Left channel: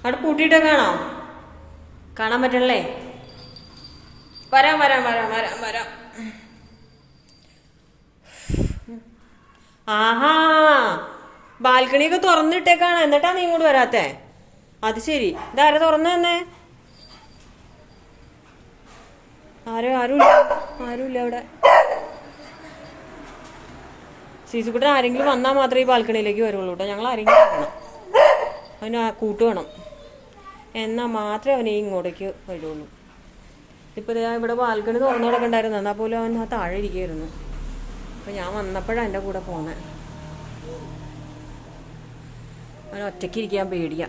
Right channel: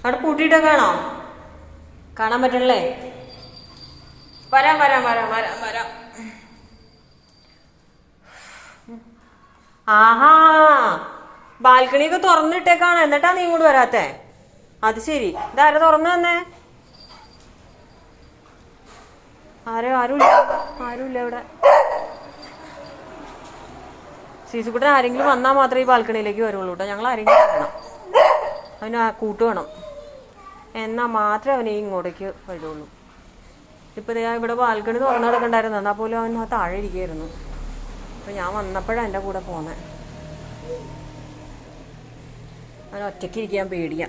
അവിടെ പൂട്ടിയിട്ട് കാണോ? കാണാൻ പറ്റണല്ലേ? വരാം വരാം വരാം വരാം വരാം. ആഹാ, ബാൽക്കണിയൊക്കെ തുറന്നിട്ടേക്കാണ്. എന്നിട്ടാ നീ ഇങ്ങോട്ട് വരാത്തെ? അത് ശരി. ഇതാരാ തുറന്നു വന്നേ? ആരുമില്ല ഇവിടെ. സീസുക്കുട്ടൻ ആരെങ്കിലും വന്നാൽ മാത്രമേ ഈ ബാൽക്കണിയിലേക്ക് വരുള്ളൂ കേട്ടോ. ഞങ്ങൾ ആരെങ്കിലും വേണം, അവന് കൂട്ട് വേണം. എന്നാൽ മാത്രമേ അവനെ ഇങ്ങോട്ടേക്ക് വരുള്ളൂ. ഇപ്പൊ ഇവിടെ ബാൽക്കണി തുറന്നവരൊക്കെ ഉണ്ടായിരുന്നു. എന്നാൽ പോലും അവൻ ആ താഴെ ഇരിക്കുകയായിരുന്നു. അപ്പൊ ഞാൻ വന്നപ്പോഴാണ് എൻ്റെ കൂടെ പോന്നെ. അവൻ ഒറ്റയ്ക്ക് ഇരിക്കാൻ പേടിയാ.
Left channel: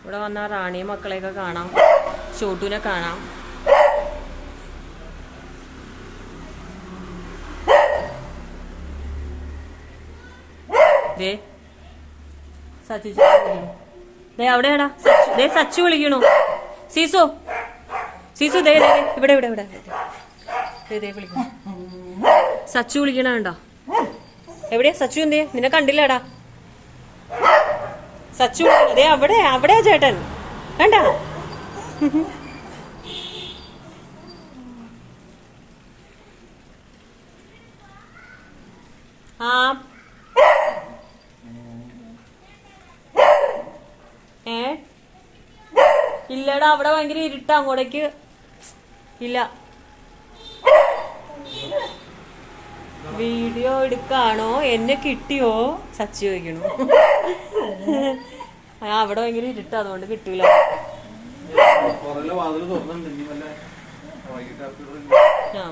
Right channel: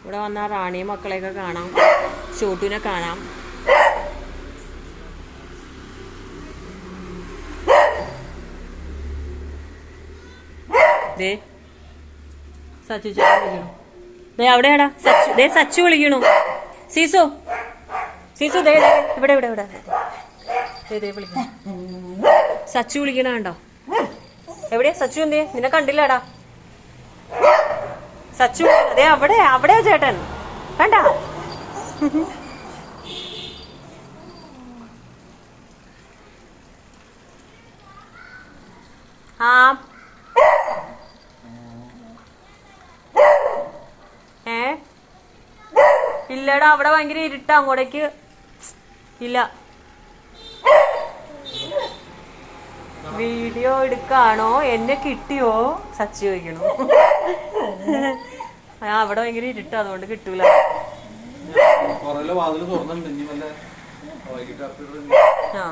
ഇവിടെ വന്നാൽ റാണിയും മക്കളെയൊക്കെ കാണാം, ചോട്ടുവിനെ കാണാം. ദേ സച്ചു വിളിക്കണു. ദേ അവിടെയാടാ സച്ചു. ദേ സച്ചു വിളിക്കണു. സീസു സീസു ദേ ഇവിടെ ഇവിടെ ഇവിടെ ദേ വിളിക്കണു. സച്ചു വിളിക്കണ കണ്ടോ? എവിടെയാ സച്ചു? എന്തേ നിന്നെ കണ്ടില്ലടാ? സച്ചു അതെ അവിടെയാ ചേട്ടൻ. കണ്ടാ? ആ ഇല്ലടാ, അവിടെ ഭയങ്കര ഇരുട്ടാ. അങ്ങോട്ടേക്ക് ഇല്ല. വീഡിയോ എടുക്കാണോ? എന്നെ കിട്ടിയോ? സച്ചി ചോദിക്കണു. അവിടെ ഭയങ്കര ഇരുട്ടാ, അതുകൊണ്ട് കിട്ടൂല. ആ